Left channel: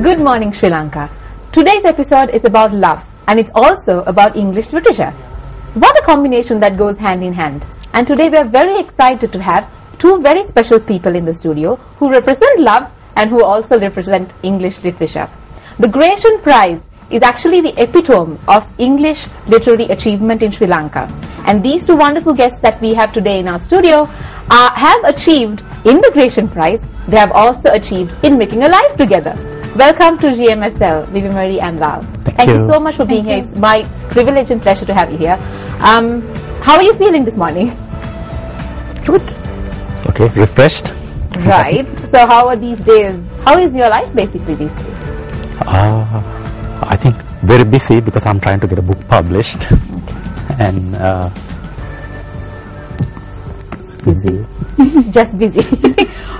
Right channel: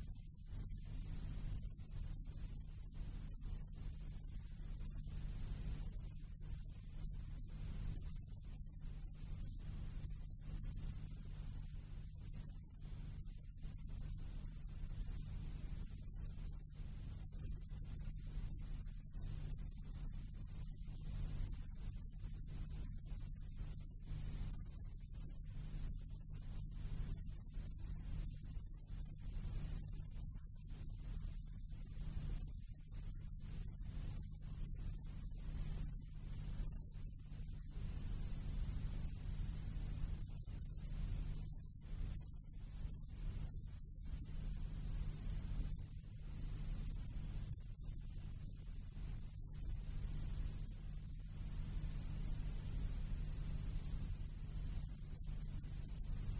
Good morning, Sri Lanka. Today's episode is about love, and it's also about English literature. What a combination that goes hand in hand. And today we are very excited to have two very special people in the studio who represent love and who also represent English literature. The Gratian Prize is actually the epitome of English literary achievement in Sri Lanka. And these two wonderful guests that we have today in our studio have achieved in the Gratian Prize, they have also achieved in making a life together. Welcome to GMSL, Vivi Marie and Lal. Thank you so much for being here. It's my privilege and pleasure to have you here. How are you feeling this morning? Good. Okay, refreshed. Right. So how are these days? How is your life basically these days? I think very busy because I'm trying to get a book published. And busy. Just busy.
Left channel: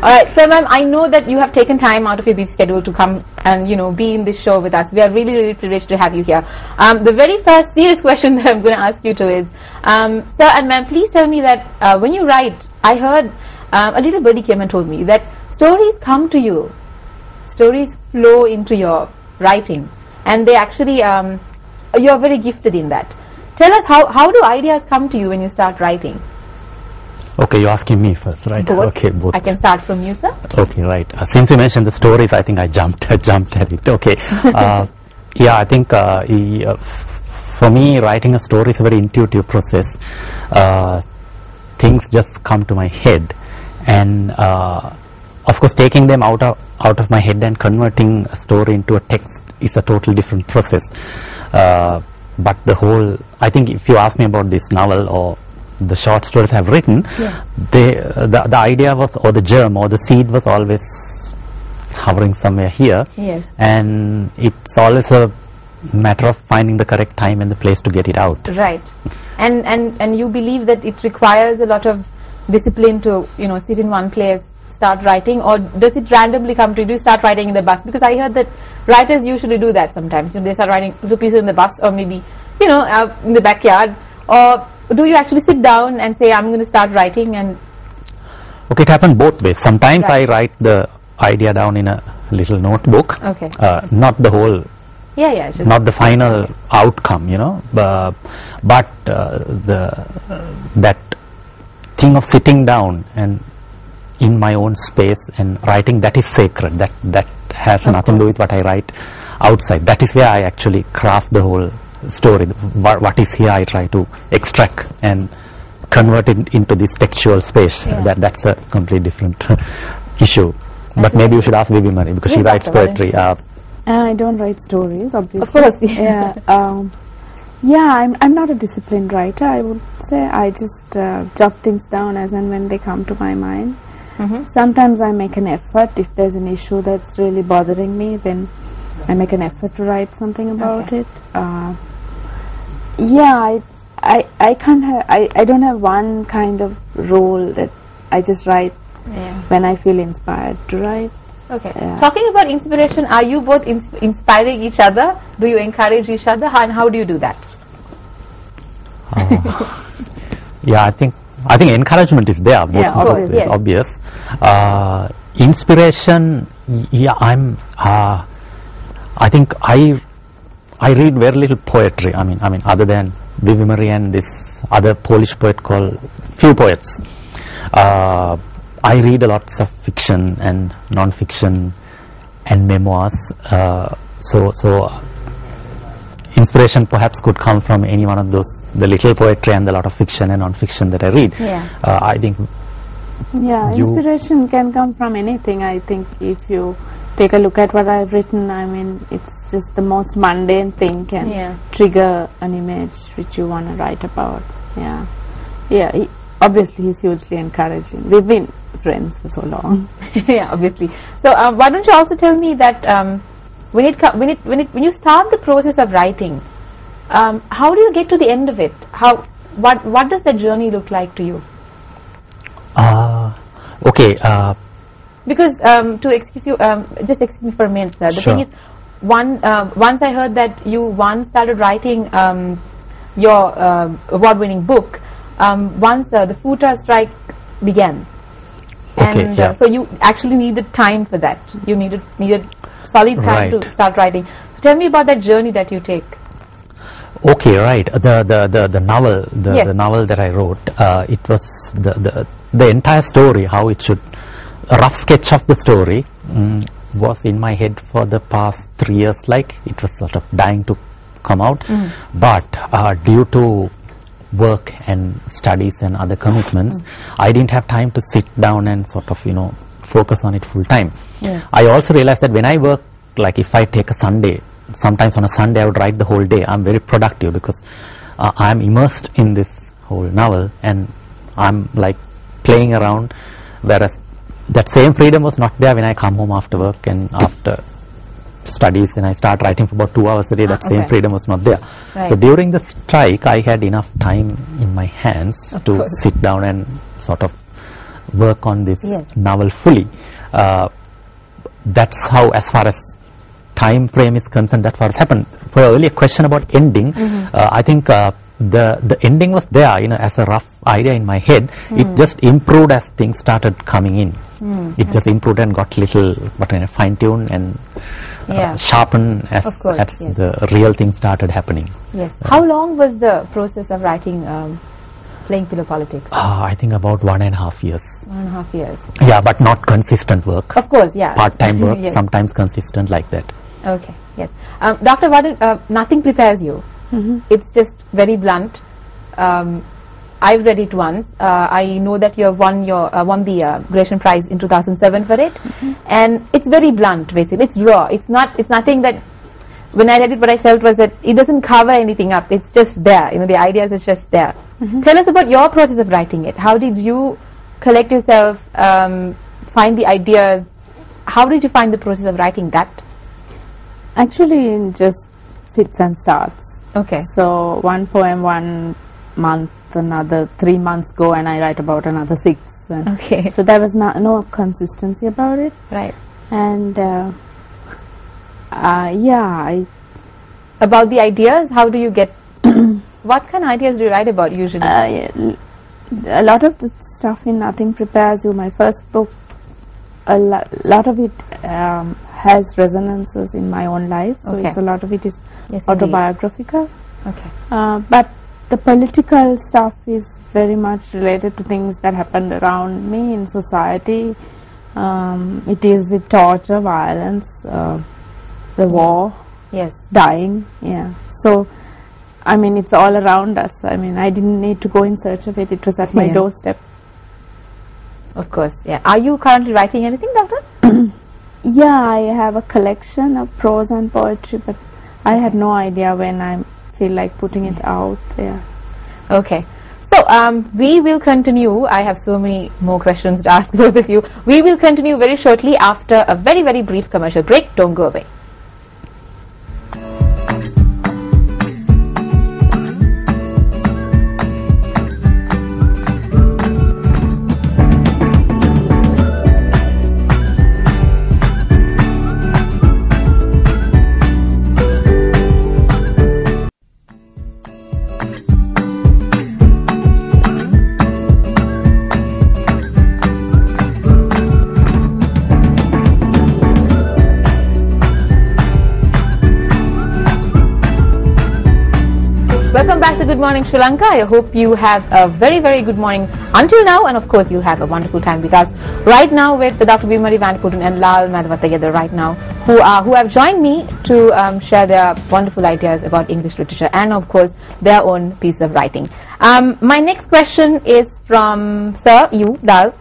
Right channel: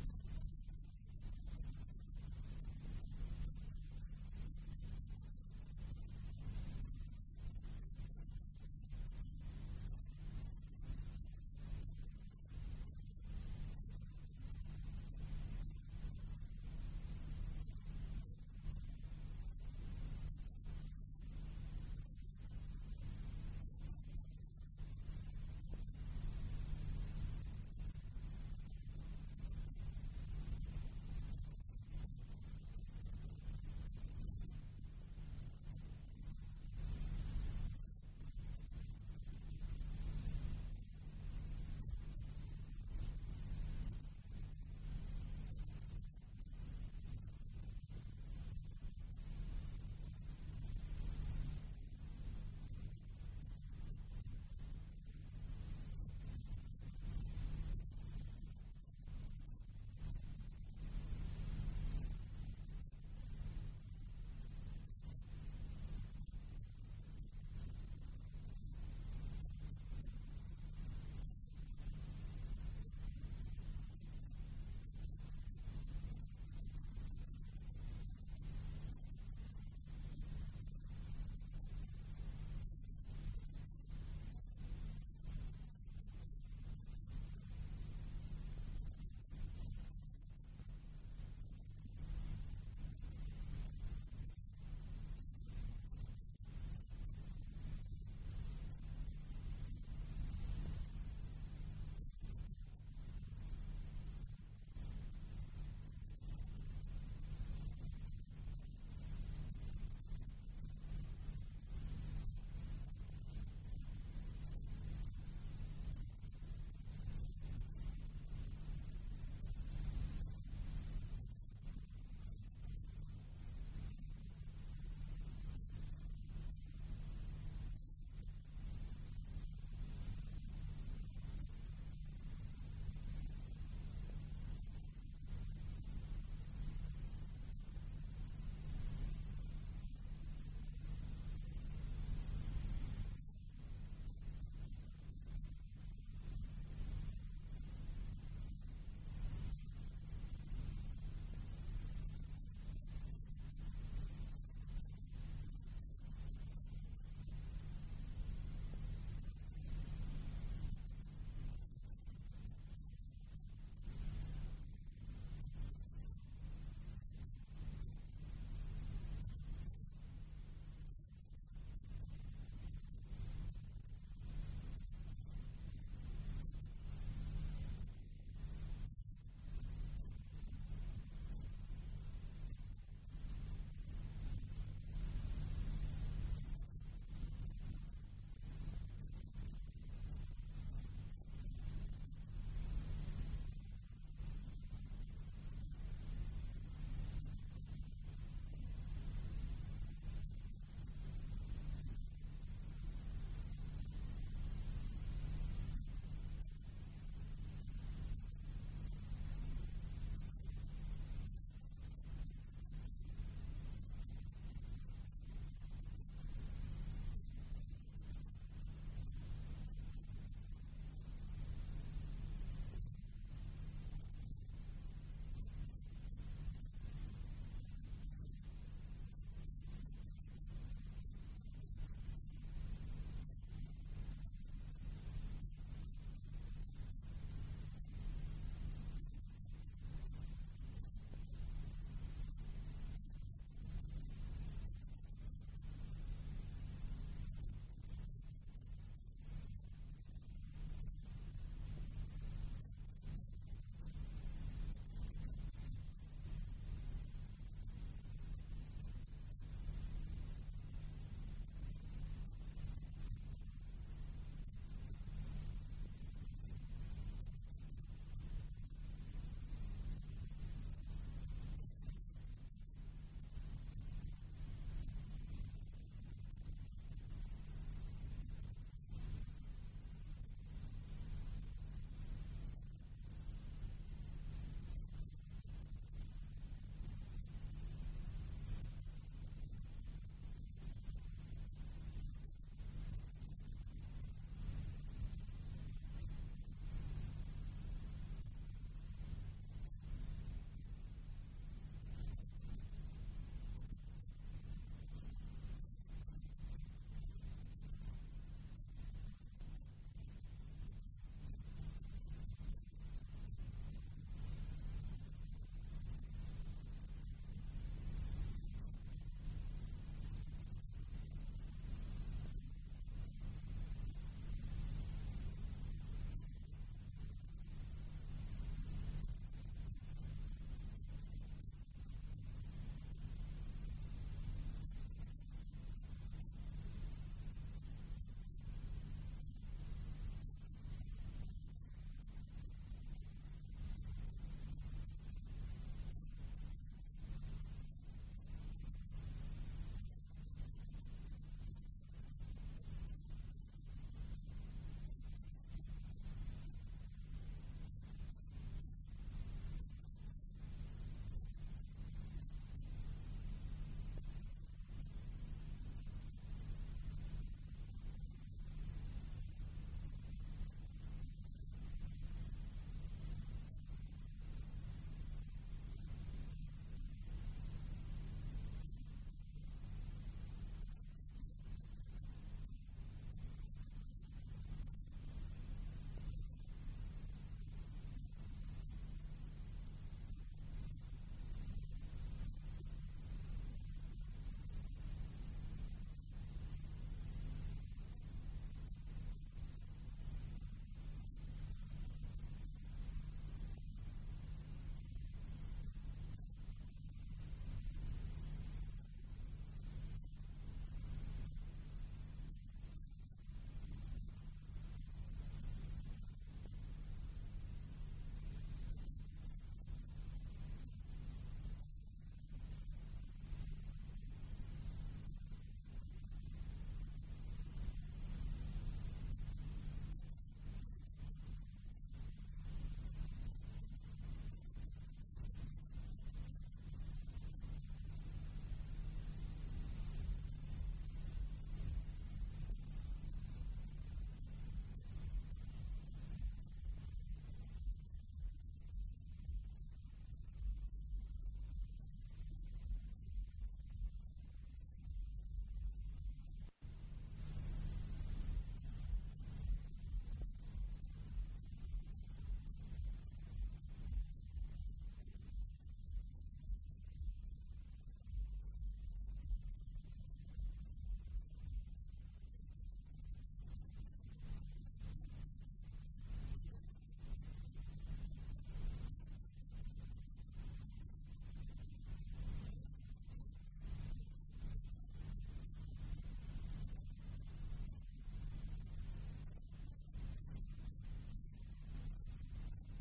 Alright, so ma'am, I know that you have taken time out of your busy schedule to come and, be in this show with us. We are really, really privileged to have you here. The very first serious question that I'm going to ask you to is, sir and ma'am, please tell me that when you write, I heard a little birdie came and told me that stories come to you, stories flow into your writing, and they actually, you're very gifted in that. Tell us, how do ideas come to you when you start writing? Okay, you're asking me first, right? Both. Okay, both. I can start from you, sir. Okay, right. Since you mentioned the stories, I think I jumped at it. Okay. Yeah, I think for me, writing a story is a very intuitive process. Things just come to my head, and of course, taking them out of my head and converting a story into a text is a totally different process. But I think if you ask me about this novel or the short stories I've written, yes, the idea was, or the germ or the seed was always hovering somewhere here. Yes. And it's always a matter of finding the correct time and the place to get it out. Right. And you believe that it requires a lot of discipline to, sit in one place, start writing, or does it randomly come to you? Do you start writing in the bus? Because I heard that writers usually do that sometimes. They start writing two pieces in the bus, or maybe, in the backyard. Or do you actually sit down and say, I'm going to start writing? And okay, it happened both ways. Sometimes right, I write the idea down in a little notebook. Okay. Not the whole, not the final outcome, but that thing of sitting down and in my own space and writing, that is sacred. That has nothing to do with what I write outside. That is where I actually craft the whole story. What is here I try to extract and convert it into this textual space. Yeah. That's a completely different issue. But maybe you should ask Vivi Marie, because she writes poetry. I don't write stories, obviously. Of course. Yeah. I'm not a disciplined writer, I would say. I just jot things down as and when they come to my mind. Mm-hmm. Sometimes I make an effort. If there's an issue that's really bothering me, then I make an effort to write something about it. I can't have, I don't have one kind of role that I just write when I feel inspired to write. Okay. Yeah. Talking about inspiration, are you both inspiring each other? Do you encourage each other? And how do you do that? Yeah, I think encouragement is there. Both course, yes. Obvious. Inspiration, I think I read very little poetry. I mean, other than Vivi Marie and this other Polish poet called Few Poets. I read a lot of fiction and non-fiction and memoirs. So inspiration perhaps could come from any one of those, the little poetry and the lot of fiction and non-fiction that I read. Yeah. I think. Yeah, inspiration can come from anything. I think if you take a look at what I've written, it's just the most mundane thing can trigger an image which you want to write about. Yeah. Obviously, he's hugely encouraging. We've been friends for so long. Yeah, obviously. So, why don't you also tell me that when you start the process of writing, how do you get to the end of it? What does that journey look like to you? Okay. Because to excuse you, just excuse me for a minute, sir. The thing is, once I heard that you once started writing your award-winning book, once the Futa strike began. Okay, and so you actually needed time for that. You needed solid time Right. to start writing. So tell me about that journey that you take. Okay, right. The novel, Yes. the novel that I wrote, it was the entire story, how it should, a rough sketch of the story was in my head for the past 3 years. Like it was sort of dying to come out, but due to work and studies and other commitments, I didn't have time to sit down and sort of focus on it full time. Yes. I also realized that when I work, like if I take a Sunday, sometimes on a Sunday I would write the whole day. I'm very productive because I'm immersed in this whole novel and I'm like playing around, whereas that same freedom was not there when I come home after work and after studies and I start writing for about 2 hours a day. That same okay. freedom was not there. Right. So during the strike I had enough time in my hands Of to course. sit down and sort of work on this Yes. novel fully. That's how, as far as time frame is concerned, that's what happened. For your earlier question about ending, I think the ending was there, as a rough idea in my head. It just improved as things started coming in. It just improved and got little fine-tuned and Yeah. sharpened as, Of course, as yes. the real thing started happening. Yes. How long was the process of writing Playing Pillow Politics? I think about 1.5 years. 1.5 years. Yeah, but not consistent work. Of course, yeah. Part-time work, Yes. sometimes consistent like that. Okay, yes. Dr. Varden, nothing prepares you. It's just very blunt. I've read it once. I know that you have won the Gresham Prize in 2007 for it, and it's very blunt. Basically, it's raw. It's nothing that. When I read it, what I felt was that it doesn't cover anything up. It's just there. The ideas is just there. Tell us about your process of writing it. How did you collect yourself, find the ideas? How did you find the process of writing that? Actually, it just fits and starts. Okay. So one poem 1 month, another 3 months go, and I write about another 6. And Okay. so there was no consistency about it. Right. And yeah, About the ideas, how do you get? What kind of ideas do you write about usually? a lot of the stuff in Nothing Prepares You, my first book, a lot of it has resonances in my own life. So Okay. a lot of it is Yes, indeed. autobiographical. Okay. But the political stuff is very much related to things that happened around me in society. It deals with torture, violence, the war, Yes. dying. Yeah. So, I mean, it's all around us. I mean, I didn't need to go in search of it. It was at my Yeah. doorstep. Of course. Yeah. Are you currently writing anything, Doctor? Yeah, I have a collection of prose and poetry, but I had no idea when I feel like putting it out. Yeah. Okay. So we will continue. I have so many more questions to ask both of you. We will continue very shortly after a very, very brief commercial break. Don't go away. Welcome back to Good Morning Sri Lanka. I hope you have a very, very good morning until now, and of course you'll have a wonderful time with us right now with Dr. Vimari Vaniputun and Lal Madhavatayada right now, who have joined me to share their wonderful ideas about English literature and of course their own piece of writing. My next question is from Sir, you, Dal.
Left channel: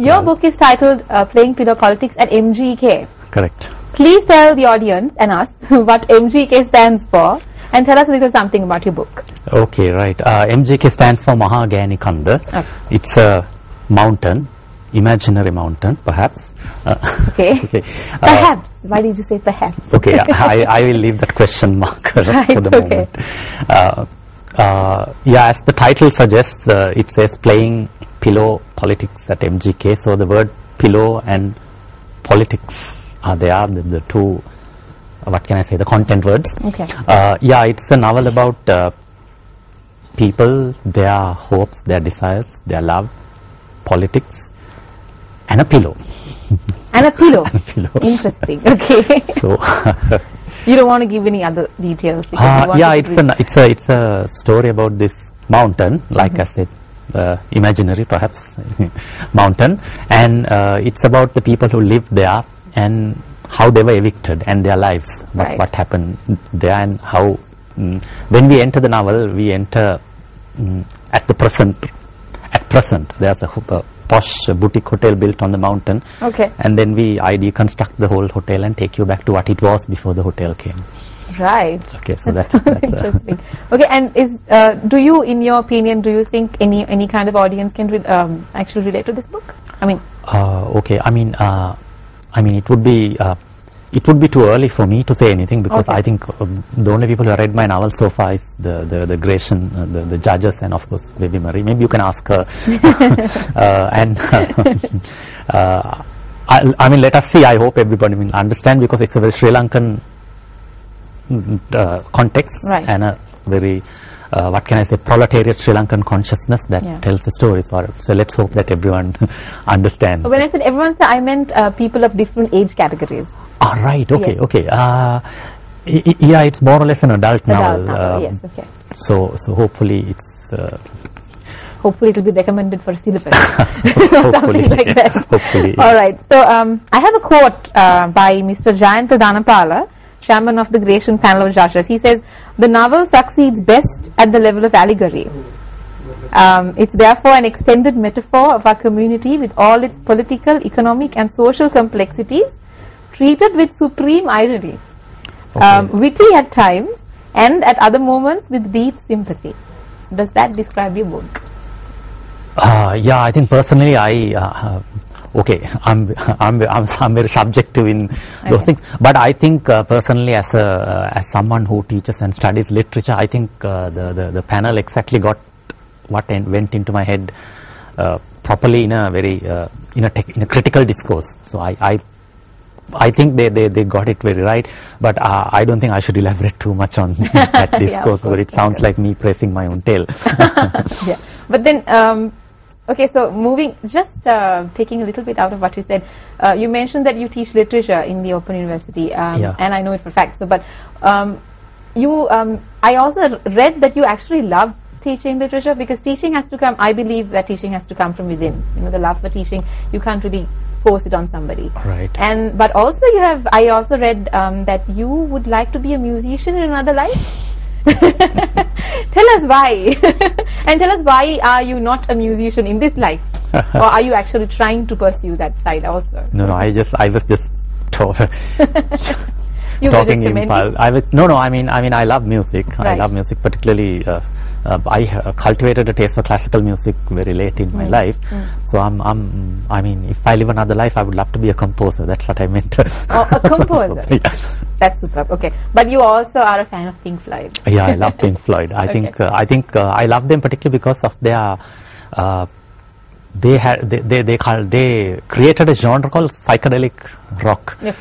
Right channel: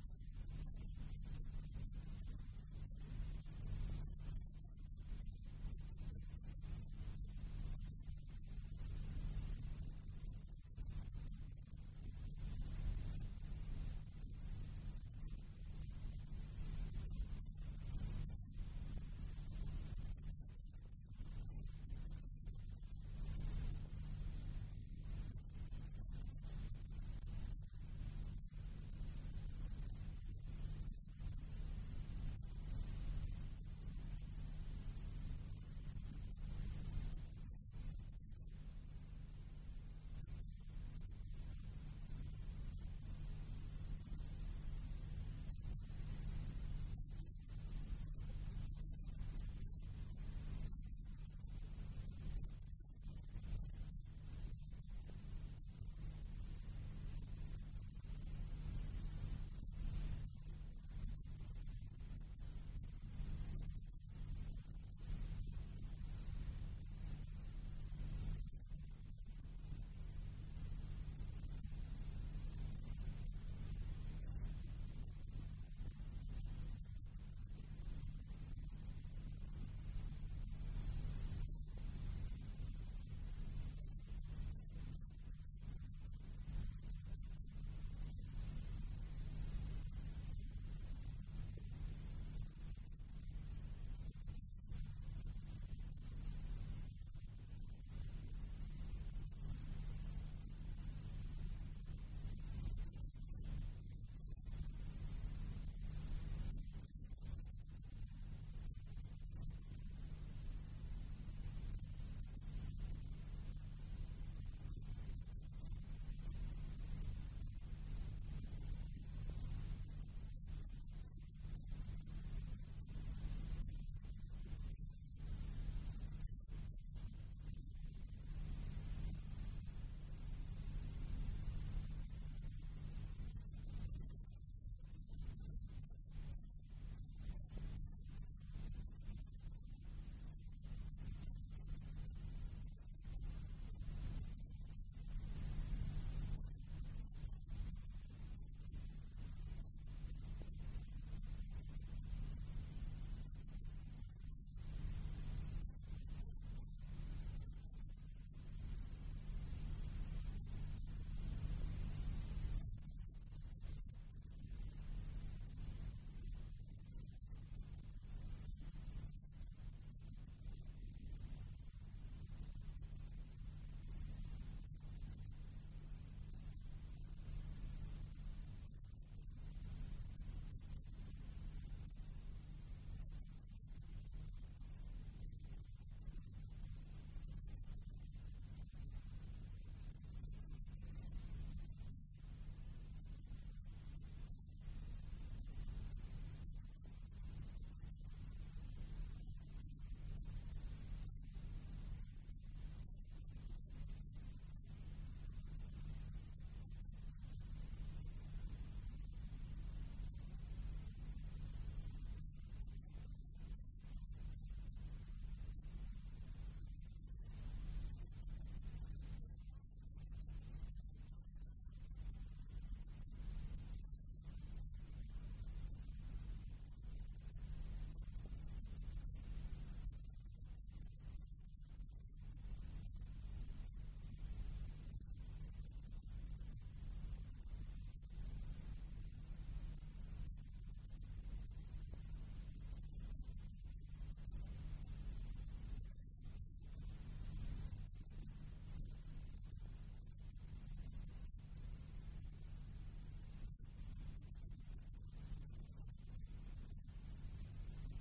Your book is titled Playing Pillow Politics at MGK. Correct. Please tell the audience and us what MGK stands for, and tell us a little something about your book. Okay, right. MGK stands for Mahagani Kanda. Okay. It's a mountain, imaginary mountain, perhaps. Okay. Okay. Perhaps. Why did you say perhaps? Okay, I will leave that question mark for the okay. moment. Yeah, as the title suggests, it says playing pillow politics at MGK. So the word pillow and politics are there, the two, what can I say, the content words. Okay. Yeah, it's a novel about people, their hopes, their desires, their love, politics, and a pillow. And a pillow. And a pillow. Interesting. Okay. So. You don't want to give any other details? Yeah, it's a story about this mountain, like I said, imaginary perhaps mountain, and it's about the people who lived there and how they were evicted and their lives, what happened there, and how when we enter the novel, we enter at the present. At present, there's a posh boutique hotel built on the mountain, and then I deconstruct the whole hotel and take you back to what it was before the hotel came. Right. Okay, so that's interesting. Okay, and do you, in your opinion, do you think any kind of audience can actually relate to this book? I mean. Okay, I mean, it would be too early for me to say anything, because I think the only people who have read my novel so far is the Grecian, the judges, and of course Baby Marie. Maybe you can ask her. And I mean, let us see. I hope everybody will understand, because it's a very Sri Lankan context, and a very what can I say, proletariat Sri Lankan consciousness that tells the story. So let's hope that everyone understands. When I said everyone, I meant people of different age categories. Ah, right. Okay. Okay. Yeah, it's more or less an adult novel. Yes. Okay. So hopefully it's. Hopefully it will be recommended for syllabus. Hopefully. Like that. Hopefully. All right. So I have a quote by Mr. Jayantha Dhanapala, chairman of the Grecian panel of judges. He says, "The novel succeeds best at the level of allegory. It's therefore an extended metaphor of our community with all its political, economic and social complexities, treated with supreme irony, witty at times, and at other moments with deep sympathy." Does that describe your book? Yeah, I think personally I'm very subjective in those things, but I think personally, as someone who teaches and studies literature, I think the panel exactly got what went into my head properly in a very in a critical discourse. So I think they got it very right, but I don't think I should elaborate too much on that discourse, because it sounds like me praising my own tail. Yeah, but then okay, so moving, just taking a little bit out of what you said, you mentioned that you teach literature in the Open University, and I know it for a fact. So, but I also read that you actually love teaching literature, because teaching has to come. I believe that teaching has to come from within. You know, the love for teaching, you can't really force it on somebody. Right. But also I also read that you would like to be a musician in another life. Tell us why. And tell us, why are you not a musician in this life? Or are you actually trying to pursue that side also? No, I was just you talking were just impulse. I mean, I love music. Right. I love music, particularly. I cultivated a taste for classical music very late in my life. So I mean, if I live another life, I would love to be a composer. That's what I meant. Oh, a composer. Yeah. That's superb. Okay, but you also are a fan of Pink Floyd. Yeah, I love Pink Floyd. I think I love them particularly because of their. They created a genre called psychedelic rock. Okay.